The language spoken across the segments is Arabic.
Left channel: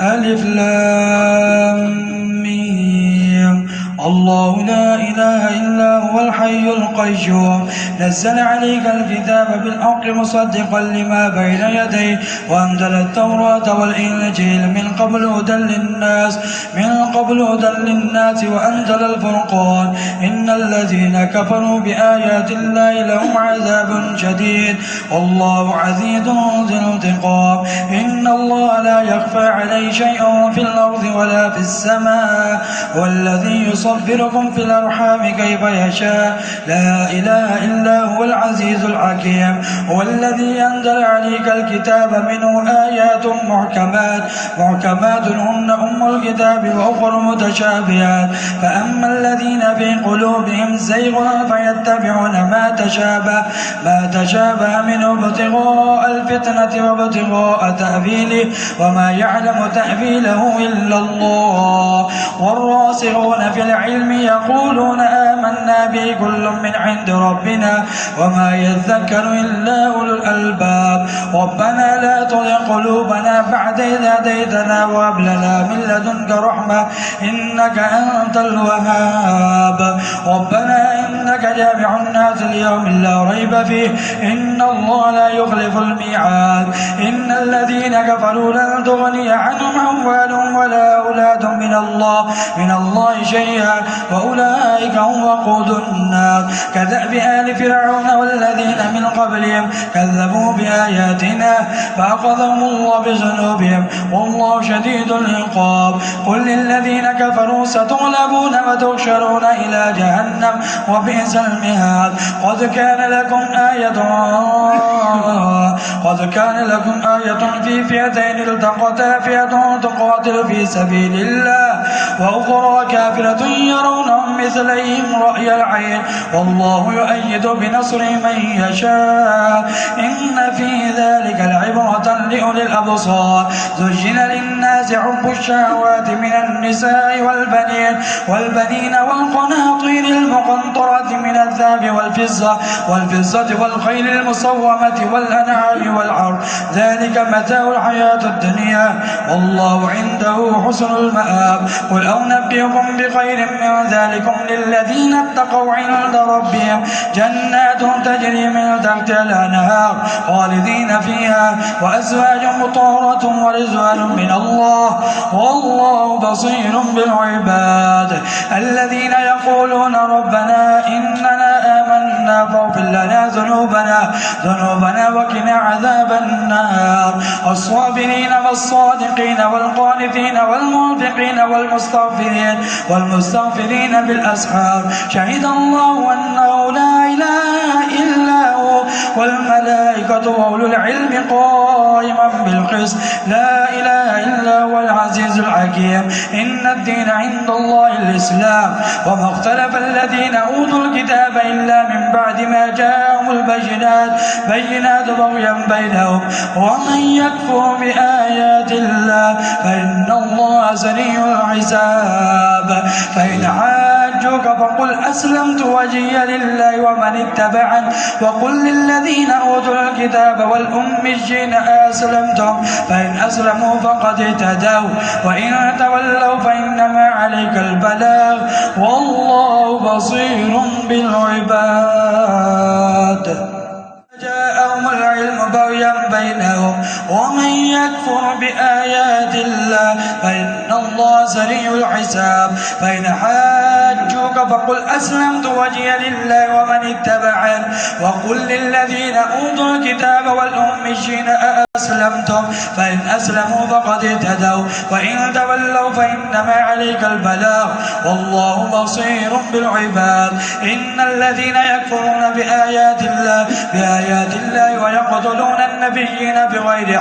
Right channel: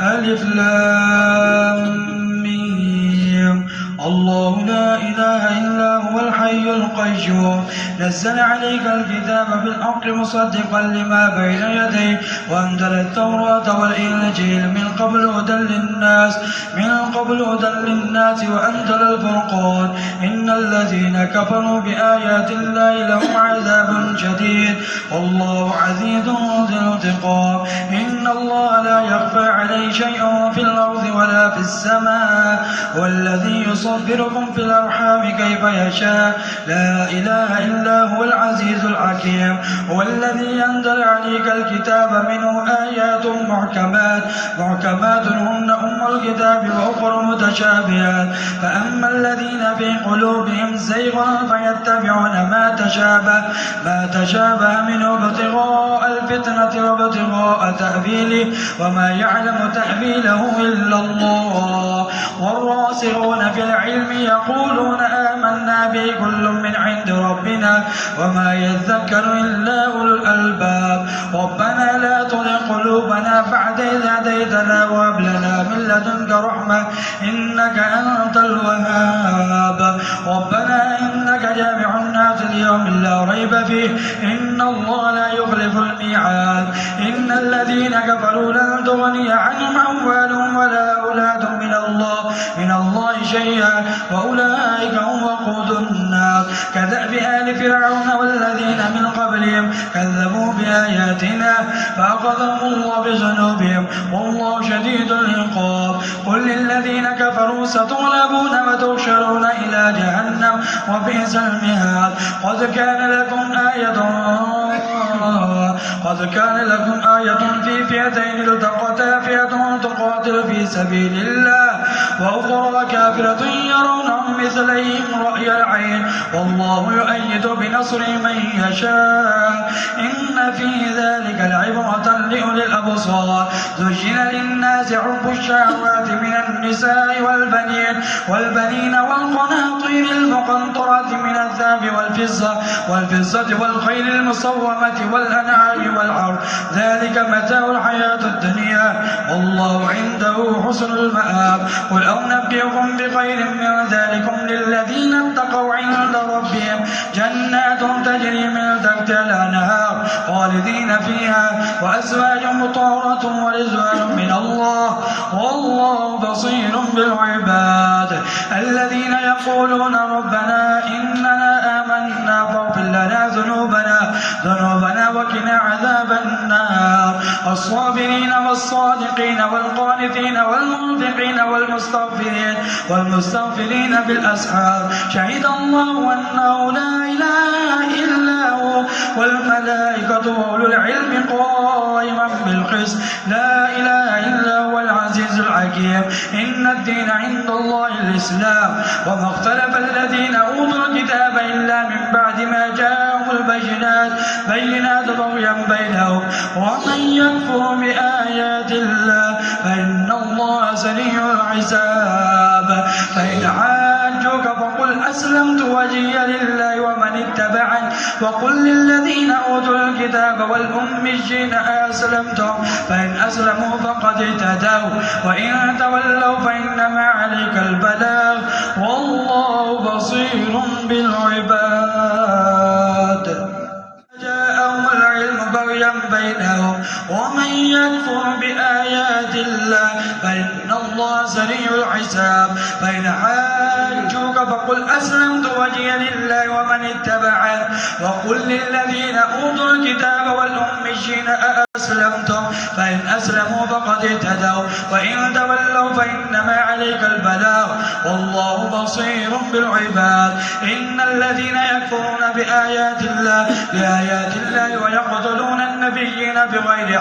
ألف لام ميم. الله لا إله إلا هو الحي القيوم نزل عليك الكتاب بالحق مصدقا لما بين يديه وأنزل التوراة والإنجيل من قبل هدى للناس وأنزل الفرقان إن الذين كفروا بآيات الله لهم عذاب شديد والله عزيز ذو انتقام إن الله لا يخفى عليه شيء في الأرض ولا في السماء والذي يصبركم في الأرحام كيف يشاء لا إله إلا هو العزيز الحكيم هو الذي أنزل عليك الكتاب منه آيات محكمات هن أم الكتاب وأخر متشابهات فأما الذين في قلوبهم زيغ فيتبعون ما تشابه منه ابتغاء الفتنة وابتغاء تأويله وما يعلم تأويله إلا الله والراسخون في العلم يقولون آمنا به كل من عند ربنا وما يذكر إلا أولو الألباب ربنا لا تزغ قلوبنا بعد إذ هديتنا وهب لنا من لدنك رحمة إنك أنت الوهاب ربنا إنك جامع الناس ليوم لا ريب فيه إن الله لا يخلف الميعاد إن الذين كفروا لن تغني عنهم أموالهم ولا أولادهم من الله شيئا وأولئك هم وقود النار كدأب آل فرعون والذين من قبلهم كذبوا بآياتنا فأخذهم الله بذنوبهم والله شديد العقاب قل للذين كفروا ستغلبون وتحشرون إلى جهنم وبئس المهاد قد كان لكم آية في فئتين التقتا فئة تقاتل في سبيل الله وأخرى كافرة يرونهم مثليهم رأي العين والله يؤيد بنصره من يشاء إن في ذلك لعبرة لأولي الأبصار زين للناس حب الشهوات من النساء والبنين والقناطير المقنطرة من الذهب والفضة والخيل المصومة والأنعام والحرث ذلك متاع الحياة الدنيا والله عنده حسن المآب قل أنبئكم بخير من ذلكم للذين اتقوا عند ربهم جنات تجري من تحتها الأنهار خالدين فيها وأزواج مطهرة ورزوان من الله والله بصير بالعباد الذين يقولون ربنا إننا آمنا فاغفر لنا ذنوبنا وقنا عذاب النار الصابرين والصادقين والقانتين والمنفقين والمستغفرين بالأسحار شهد الله أنه لا إله إلا هو والملائكة وأولو العلم قائما بالقسط لا إله إلا هو العزيز الحكيم إن الدين عند الله الإسلام وما اختلف الذين أوتوا الكتاب إلا من بعد ما جاءهم البينات بغيا بينهم ومن يكفر بآيات الله فإن الله سريع الحساب فإن حاجوك فقل أسلمت وجهي لله ومن اتبعني وقل للذين أوتوا الكتاب والأميين أسلمتم فإن أسلموا فقد اهتدوا وإن تولوا فإنما عليك البلاغ والله بصير بالعباد جاءهم العلم بغيا بينهم ومن يكفر بآيات الله فإن الله سريع الحساب فإن حاجوك فقل أسلمت وجهي لله ومن اتبعني وقل للذين أوتوا الكتاب والأميين أسلمتم فإن أسلموا فقد اهتدوا وإن تولوا فإنما عليك البلاغ والله بصير بالعباد إن الذين يكفرون بآيات الله ويقتلون النبيين بغير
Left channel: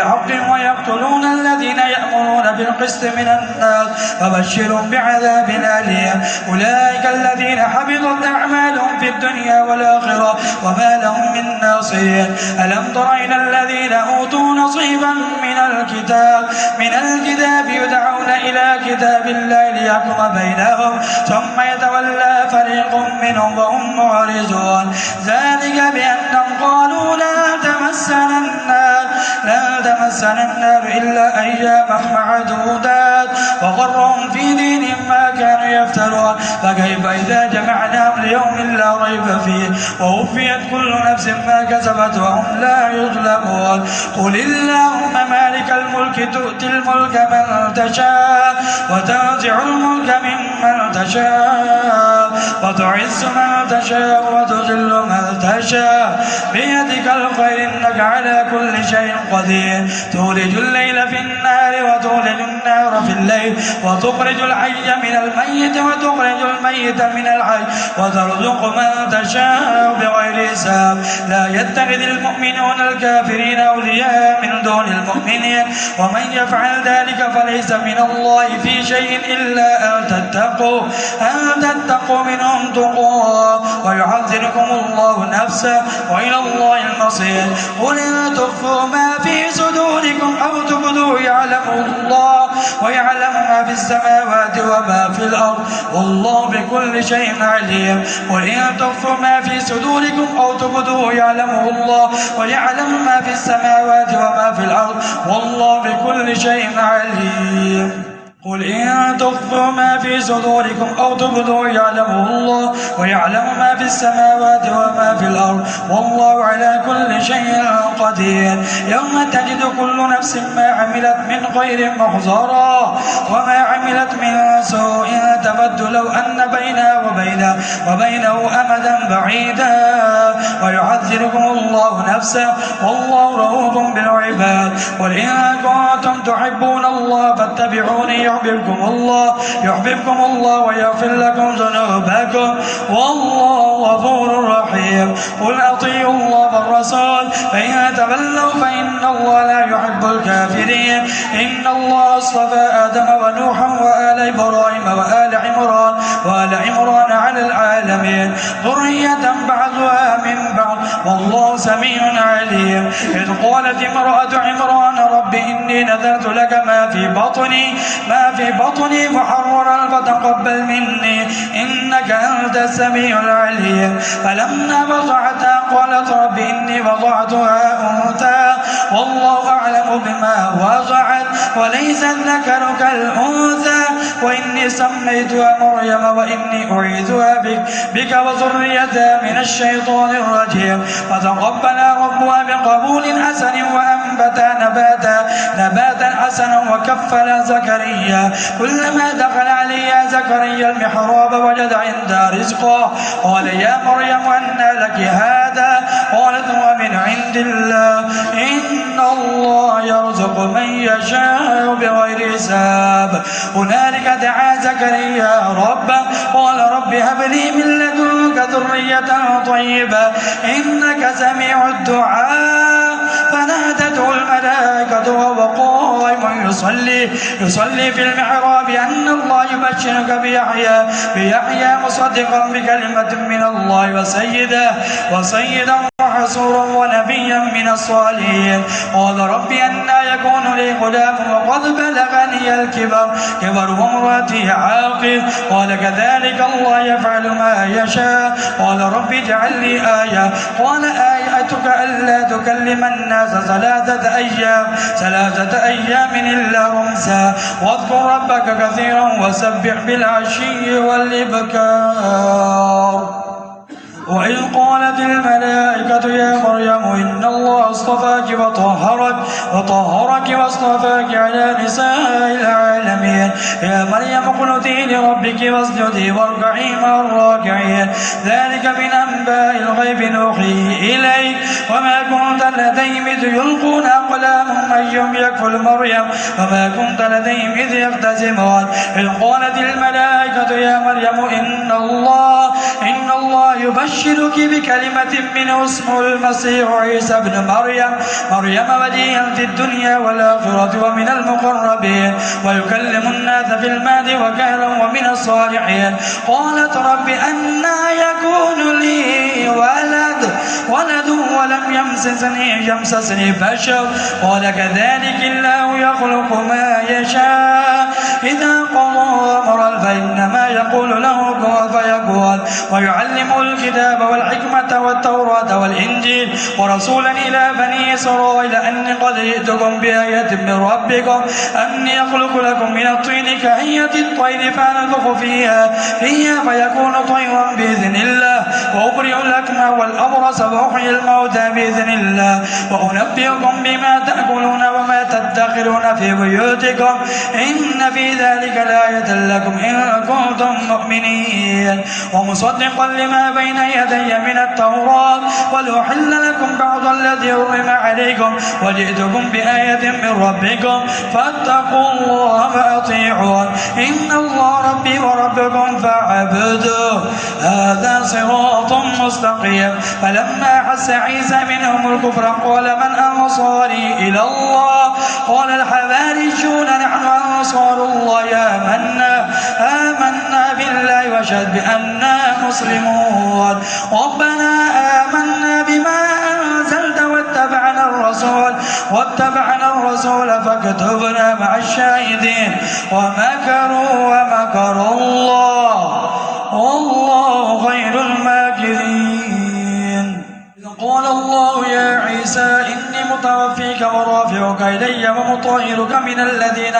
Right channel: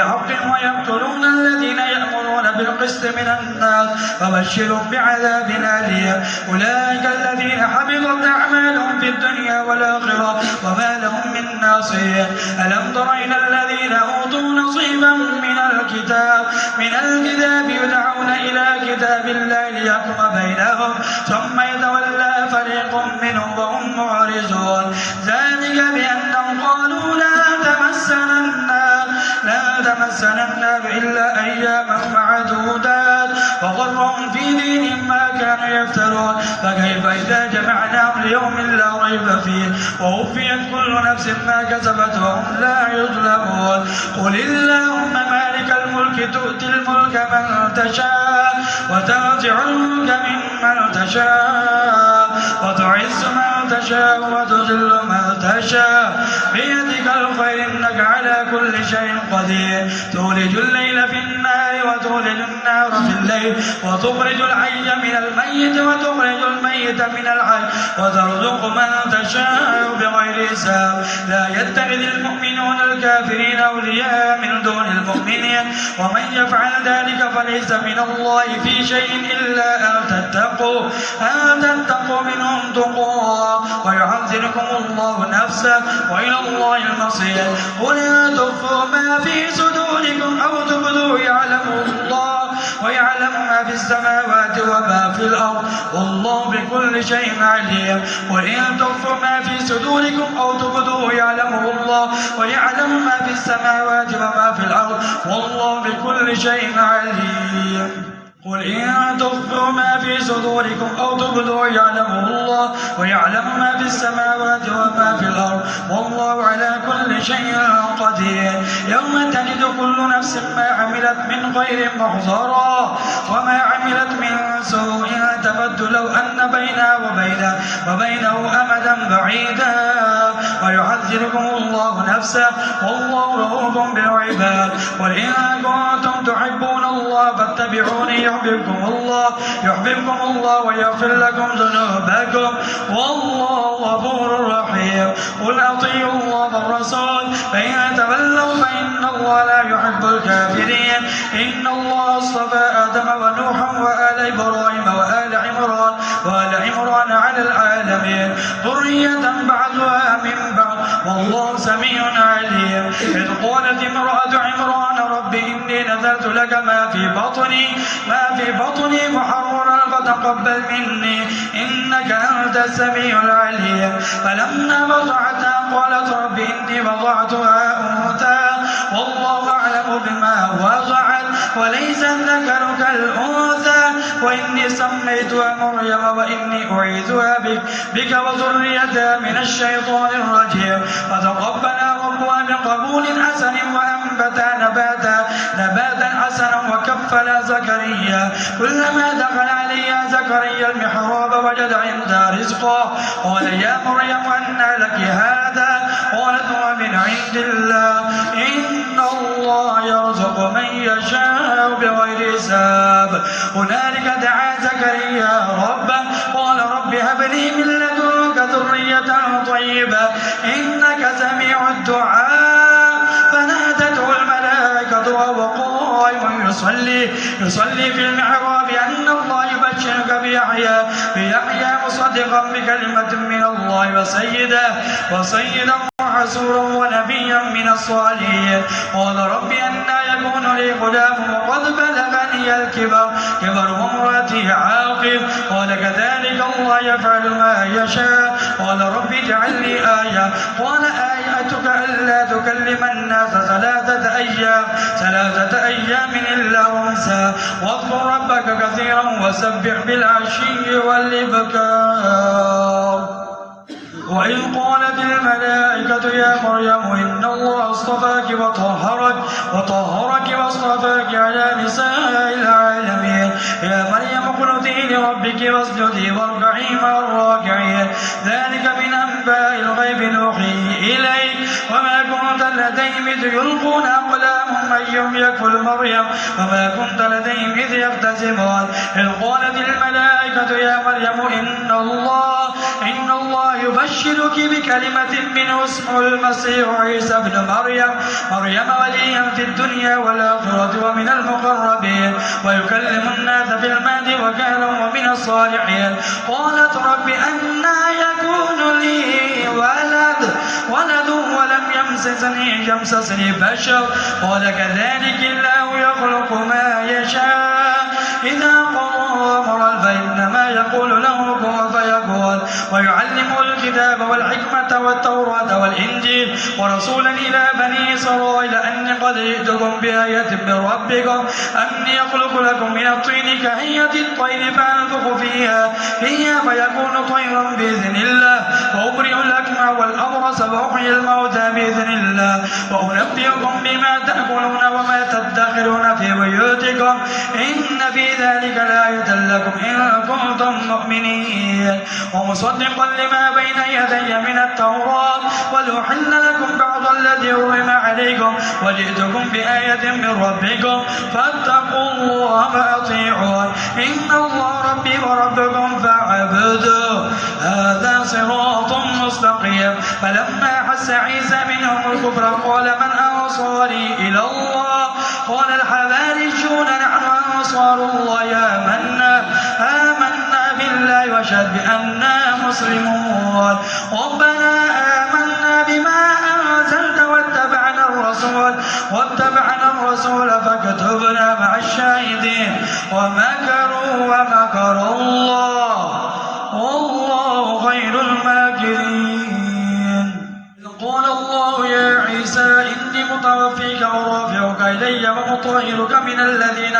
حق ويقتلون الذين يأمرون بالقسط من الناس فبشرهم بعذاب أليم أولئك الذين حبطت أعمالهم في الدنيا والآخرة وما لهم من ناصرين ألم تر إلى الذين أوتوا نصيبا من الكتاب يدعون إلى كتاب الله ليحكم بينهم ثم يتولى فريق منهم وهم معرضون ذلك بأنهم قالوا لا تمسنا النار لا تمسنا النار إلا أياما معدودات وغرهم في دينهم ما كانوا يفترون فكيف إذا جمعناهم ليوم لا ريب فيه ووفيت كل نفس ما كسبت وهم لا يظلمون قل اللهم مالك الملك تؤتي الملك من تشاء وتنزع الملك ممن تشاء وتعز من تشاء وتذل من تشاء بيدك الخير إنك على كل شيء قدير تولج الليل في النهار وتولج النهار في الليل وتخرج الحي من الميت وتخرج الميت من الحي وترزق من تشاء بغير حساب لا يتخذ المؤمنون الكافرين أولياء من دون المؤمنين ومن يفعل ذلك فليس من الله في شيء إلا أن تتقوا منهم تقوا ويحذركم الله نفسه وإلى الله المصير قل إن تخفوا ما في صدوركم أو تبدوه يعلمه الله ويعلم ما في السماوات وما في الأرض والله بكل شيء عليم قل إن تخفوا ما في صدوركم أو تبدوه يعلمه الله ويعلم ما في السماوات وما في الأرض والله بكل شيء عليم قل إن تخفوا ما في صدوركم أو تبدوه يعلمه الله ويعلم ما في السماوات وما في الأرض والله على كل شيء قدير يوم تجد كل نفس ما عملت من خير محضرا وما عملت من سوء تود لو أن وبينه أمدا بعيدا ويحذركم الله نفسه والله رؤوف بالعباد قل إن كنتم تحبون الله فاتبعوني يحببكم الله ويغفر لكم ذنوبكم والله غفور رحيم قل أطيعوا الله والرسول فإن تولوا فإن الله لا يحب الكافرين إن الله اصطفى آدم ونوحا وآل إبراهيم وآل عمران على العالمين ذرية بعضها من بعض والله سميع عليم إذ قالت امرأة عمران رب إني نذرت لك ما في بطني محررا فتقبل مني إنك أنت السميع العليم فلما وضعتها قالت رب إني وضعتها أنثى والله أعلم بما وضعت وليس الذكر كالأنثى وإني سميتها مريم وإني أعيذها بك وذريتها من الشيطان الرجيم فتقبلها ربها بقبول حسن وأنبتها نباتا حسنا وكفلها زكريا كلما دخل عليها زكريا المحراب وجد عندها رزقا قال يا مريم أنى لك هذا قالت هو من عند الله إن الله يرزق من يشاء بغير حساب هنالك دعا زكريا ربه قال رب هب لي من لدنك ذرية طيبة إنك سميع الدعاء فنادته الملائكة وهو قائم يصلي في المحراب أن الله يبشرك بيحيى مصدقا بكلمة من الله وسيدا وحسورا ونبيا من الصالحين قال رب أنى يكون لي غلام وقد بلغني الكبر وامرأتي عاقر قال كذلك الله يفعل ما يشاء قال رب اجعل لي آية قال آياتك ألا تكلم الناس ثلاثة أيام إلا رمسا واذكر ربك كثيرا وسبح بالعشي والإبكار وإذ قالت الملائكة يا مريم إن الله اصطفاك وطهرك واصطفاك على نساء العالمين يا مريم اقنتي لربك واسجدي واركعي مع الراكعين ذلك من أنباء الغيب نوحيه إليك وما كنت لديهم إذ يلقون أقلامهم أيهم يكفل مريم وما كنت لديهم إذ يختصمون إذ قالت الملائكة يا مريم إن الله يبشرك بكلمة منه اسمه المسيح عيسى بن مريم وليا في الدنيا والآخرة ومن المقربين ويكلم الناس في المهد وكهلا ومن الصالحين قالت رب أنى يكون لي ولد ولم يمسسني بشر قال كذلك الله يخلق ما يشاء إذا قضى أمرا فإنما يقول له كن فيكون ويعلمه الكتاب والحكمة والتوراة والإنجيل ورسولا إلى بني إسرائيل أني قد جئتكم بآية من ربكم أني يخلق لكم من الطين كهيئة الطير فأنفخ فيها فيكون طيرا بإذن الله وأبرئ الأكمه والأبرص وأحيي الموتى بإذن الله وأنبئكم بما تأكلون وما تدخرون في بيوتكم إن في ذلك لآية لكم إن كنتم مؤمنين ومصدقا لما بين يدي من التوراة ولأحل لكم بعض الذي حرم عليكم وجئتكم بآية من ربكم فاتقوا الله فأطيعون إن الله ربي وربكم فاعبدوه هذا صراط مستقيم فلما أحس عيسى منهم الكفر قال من أنصاري إلى الله قال الحواريون نحن أنصار الله آمنا بالله واشهد بأننا مسلمون ربنا آمنا بما أنزلت واتبعنا الرسول فاكتبنا مع الشاهدين ومكروا ومكر الله والله خير الماكرين قال الله يا عيسى إني متوفيك ورافعك إلي ومطهرك من الذين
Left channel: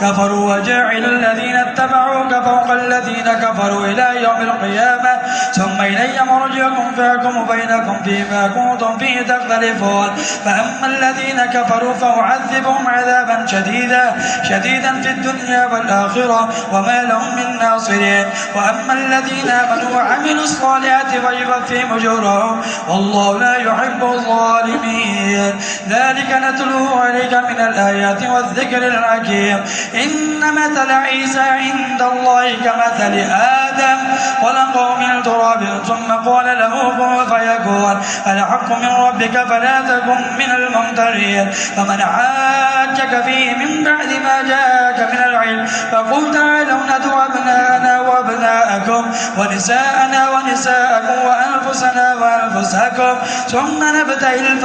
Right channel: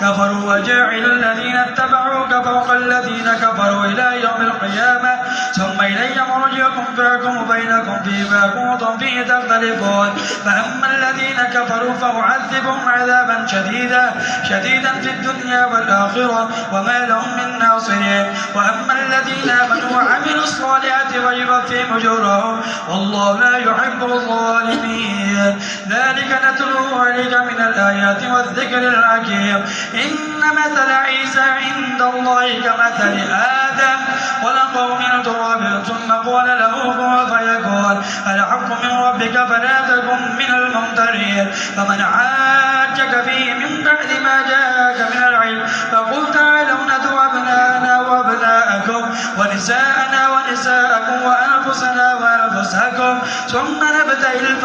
كفروا وجاعل الذين اتبعوك فوق الذين كفروا إلى يوم القيامة ثم إلي مرجعكم فأحكم بينكم فيما كنتم فيه تختلفون فأما الذين كفروا فأعذبهم عذابا شديدا في الدنيا والآخرة وما لهم من ناصرين وأما الذين آمنوا وعملوا الصالحات فيوفيهم أجورهم والله لا يحب الظالمين ذلك نتلوه عليك من الآيات والذكر الحكيم إن مثل عيسى عند الله كمثل آدم خلقه من تراب ثم قال له كن فيكون الحق من ربك فلا تكن من الممترين فمن حاجك فيه من بعد ما جاءك من العلم فقل تعالوا ندعو أبناءنا وأبناءكم ونساءنا ونساءكم وأنفسنا وأنفسكم ثم نبتهل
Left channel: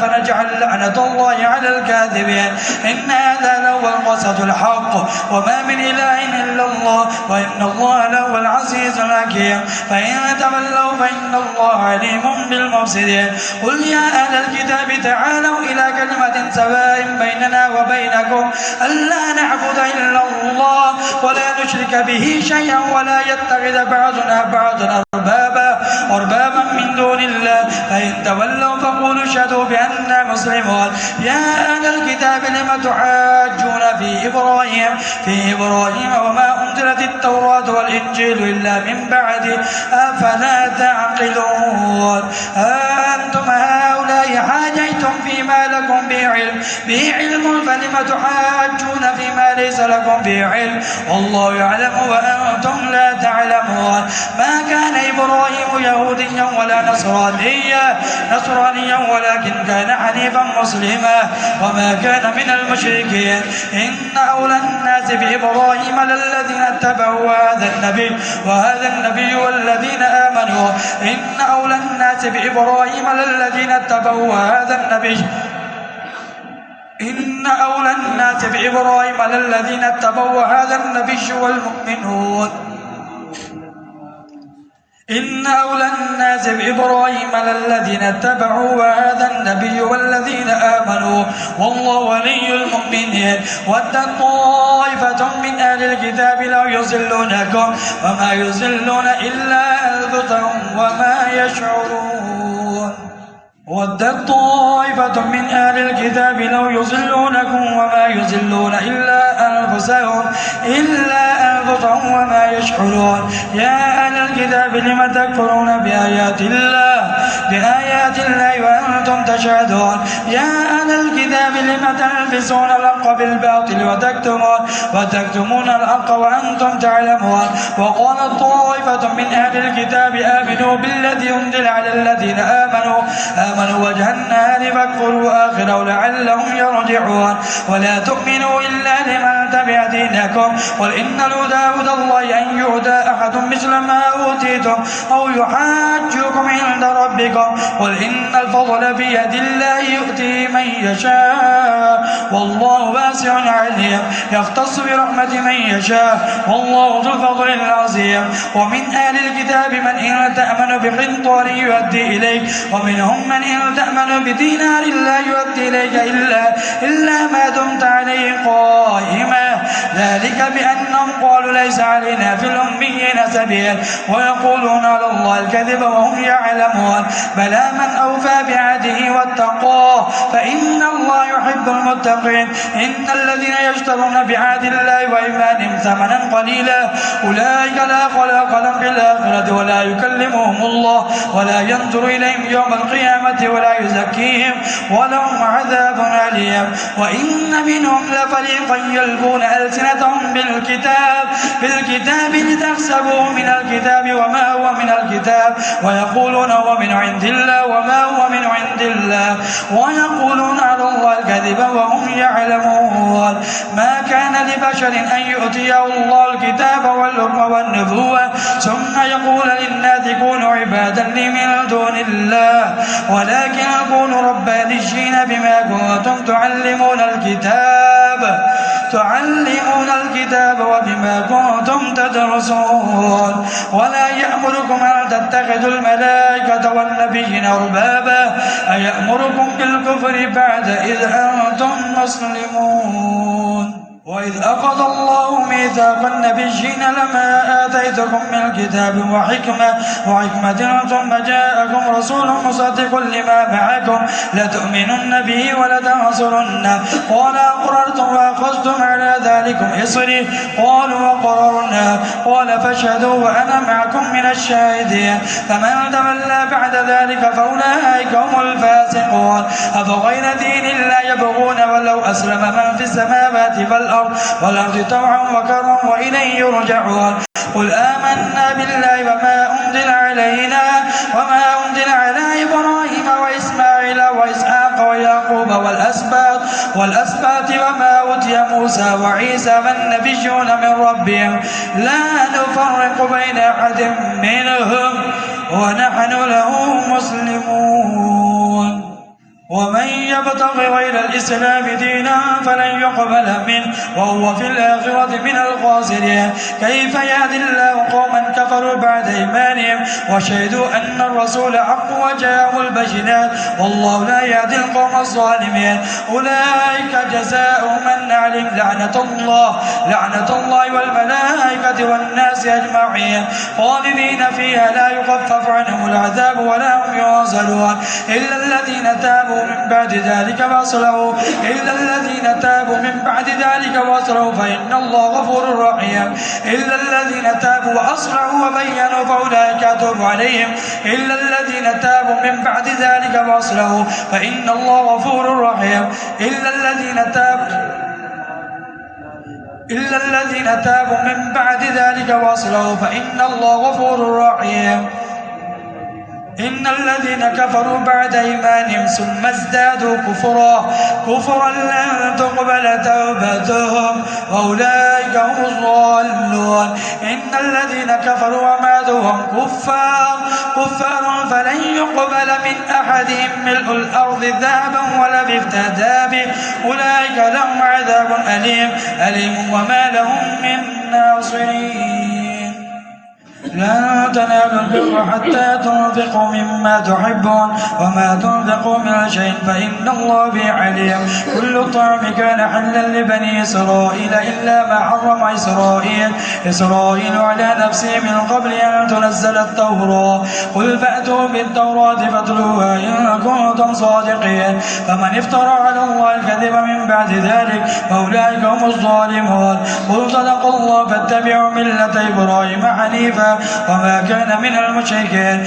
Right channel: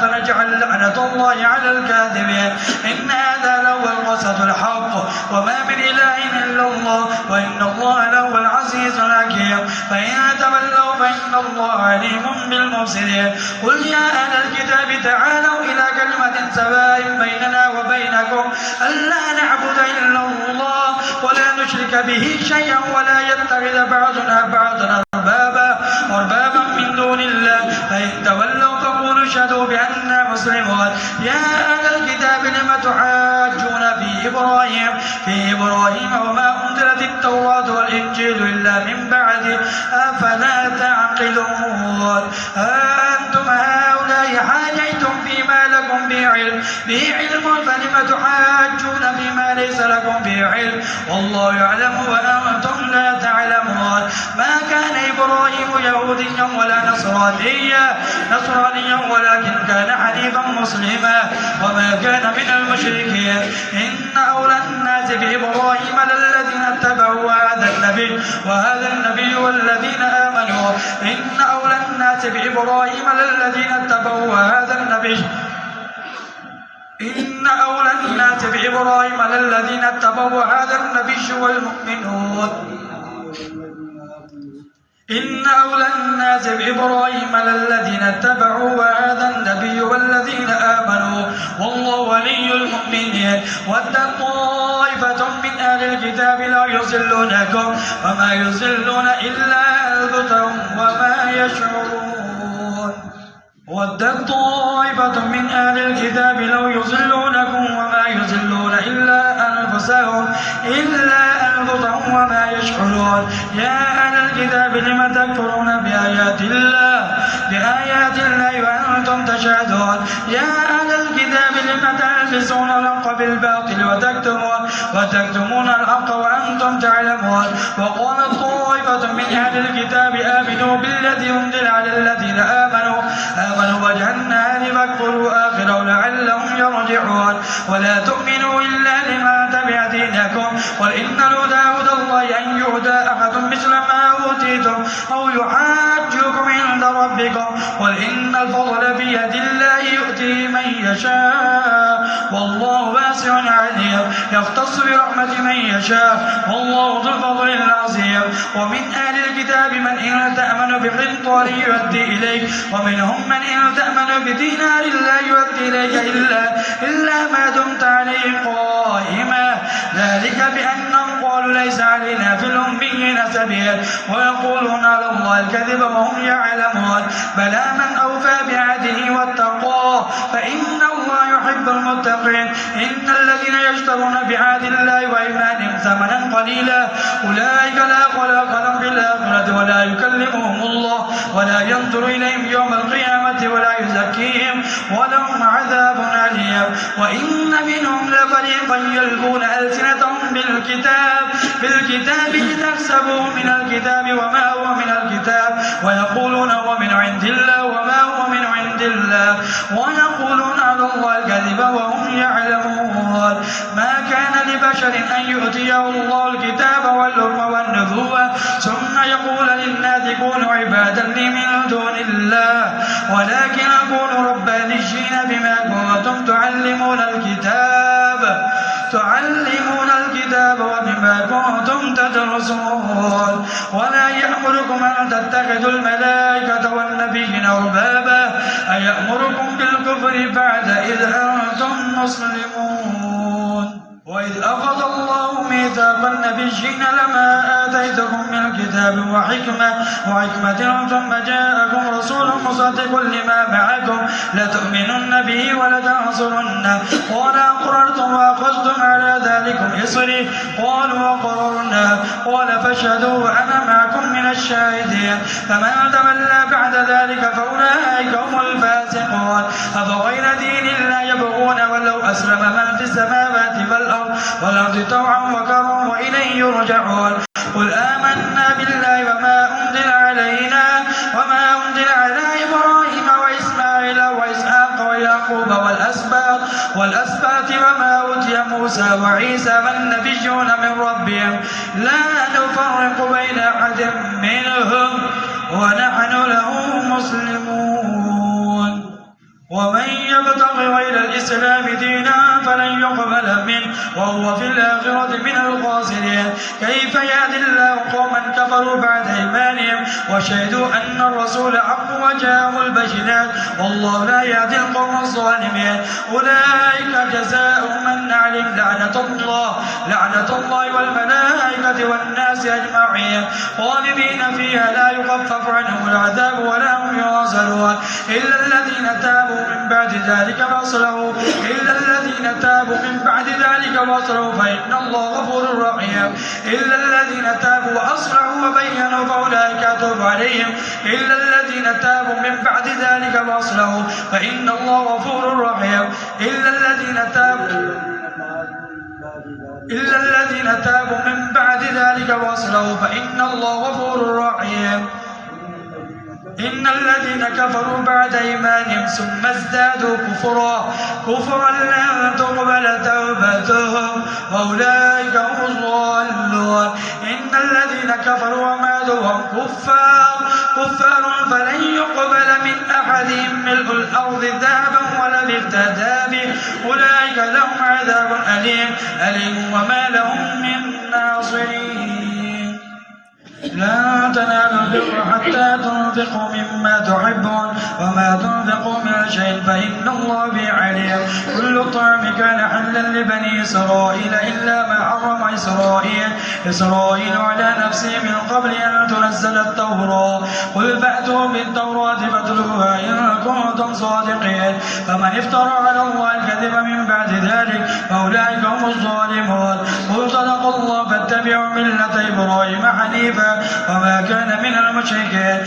فنجعل لعنة الله على الكاذبين إن هذا لهو القصص الحق وما من إله إلا الله وإن الله لهو العزيز الحكيم فإن تولوا فإن الله عليم بالمفسدين قل يا أهل الكتاب تعالوا إلى كلمة سواء بيننا وبينكم ألا نعبد إلا الله ولا نشرك به شيئا ولا يتخذ بعضنا بعضا أربابا من دون الله فإن تولوا فقولوا اشهدوا بأننا مسلمون يا أهل الكتاب لم تحاجون في إبراهيم وما أنزلت التوراة والإنجيل إلا من بعد أفلا تعقلون أنتم هؤلاء حاجيتم فيما لكم به علم فلم تحاجون فيما ليس لكم به علم والله يعلم وأنتم لا تعلمون ما كان إبراهيم يهوديا ولا نصرانيا ولكن كان حنيفا مسلما وما كان من المشركين إن أولى الناس بإبراهيم للذين اتبعوا وهذا النبي والذين آمنوا إن أولى الناس بإبراهيم للذين اتبعوا وهذا النبي إن أولى الناس بإبراهيم للذين اتبعوا وهذا النبي والمؤمنون إن أولى الناس بإبراهيم للذين اتبعوا وهذا النبي والذين آمنوا والله ولي المؤمنين ودت طائفة من أهل الكتاب لو يضلونكم وما يضلون إلا أنفسهم وما يشعرون ودت طائفة من أهل الكتاب لو يضلونكم وما يضلون إلا أنفسهم وما يشعرون يا أهل الكتاب لم تكفرون بآيات الله وأنتم تشهدون يا أهل الكتاب لم تلبسون الحق بالباطل وتكتمون الحق وأنتم تعلمون وقالت طائفة من أهل الكتاب آمنوا بالذي أنزل على الذين آمنوا وجه النهار فاكفروا آخره لعلهم يرجعون ولا تؤمنوا إلا لمن تبع دينكم قل إن الهدى هدى الله أن يهدى أحد مثل ما أوتيتم أو يحاجوكم عند ربكم قل إن الفضل بيد الله يؤتيه من يشاء يشاء والله واسع عليم يختص برحمة من يشاء والله ذو الفضل العظيم ومن أهل الكتاب من إن تأمن بقنطار يؤدي إليك ومنهم من إن تأمن بدينار لا يؤدي إليك إلا ما دمت عليه قائما ذلك بأنهم قالوا ليس علينا في الأميين سبيل ويقولون على الله الكذب وهم يعلمون بلى من أوفى بعهده واتقاه فإن الله يحب المتقين إن الذين يشترون بعهد الله وإيمانهم ثمنا قليلا أولئك لا خلاق لهم في الآخرة ولا يكلمهم الله ولا ينظر إليهم يوم القيامة ولا يزكيهم ولهم عذاب أليم وإن منهم لفريقا يلقون ألسنتهم بالكتاب لتحسبوه من الكتاب وما هو من الكتاب ويقولون هو من عند الله وما هو من عند الله ويقولون على الله الكذب وهم يعلمون ما كان لبشر أن يؤتيه الله الكتاب والحكم والنبوة ثم يقول للناس كونوا عبادا لي من دون الله ولكن كونوا ربانيين بما كنتم تعلمون الكتاب وبما كنتم تدرسون ولا يأمركم أن تتخذوا الملائكة والنبيين أربابا أيأمركم بالكفر بعد إذ أنتم مسلمون وإذ أخذ الله ميثاق النبيين لما آتيتكم من الكتاب وحكمة ثم جاءكم رسول مصدق لما معكم لتؤمنن به ولتنصرنه قال أقررتم وأخذتم على ذلكم إصري قالوا وقررنا قال فاشهدوا وأنا معكم من الشاهدين فمن تولى بعد ذلك فأولئك هم الفاسقون أفغير دين الله يبغون ولو أسلم من في السماوات والأرض طوعا وكرها وإليه يرجعون قل آمنا بالله وما أنزل على إبراهيم وإسماعيل وإسحاق ويعقوب والأسباط وما أوتي موسى وعيسى والنبيون من ربهم لا نفرق بين أحد منهم ونحن له مسلمون ومن يبتغ غير الإسلام دينا فلن يقبل منه وهو في الآخرة من الخاسرين كيف يهدي الله قوما كفروا بعد إيمانهم وشهدوا أن الرسول حق وجاءهم البينات والله لا يهدي القوم الظالمين أولئك جزاؤهم النعيم لعنة الله والملائكة والناس أجمعين خالدين فيها لا يخفف عنهم العذاب ولا هم ينزلون إلا الذين تابوا من بعد ذلك واصلحوا فإن الله غفور رحيم إلا الذين تابوا وأصلحوا وبينوا فأولئك أتوب عليهم إلا الذين تابوا من بعد ذلك واصلحوا فإن الله غفور رحيم إلا الذين تابوا من بعد ذلك واصلحوا فإن الله غفور رحيم إن الذين كفروا بعد إيمانهم ثم ازدادوا كفرا لن تقبل توبتهم وأولئك هم الضالون إن الذين كفروا وماتوا وهم كفار فلن يقبل من أحدهم ملء الأرض ذهبا ولا بافتدى به أولئك لهم عذاب أليم وما لهم من ناصرين لن تنالوا البر حتى تنفقوا مما تحبون وما تنفقوا من شيء فإن الله به عليم كل الطعام كان حلا لبني إسرائيل إلا ما حرم إسرائيل على نفسه من قبل أن تنزل التوراة قل فأتوا بالتوراة فاتلوها إن كنتم صادقين فمن افترى على الله الكذب من بعد ذلك فأولئك هم الظالمون قل صدق الله فاتبعوا ملة إبراهيم حنيفا وما كان من المشركين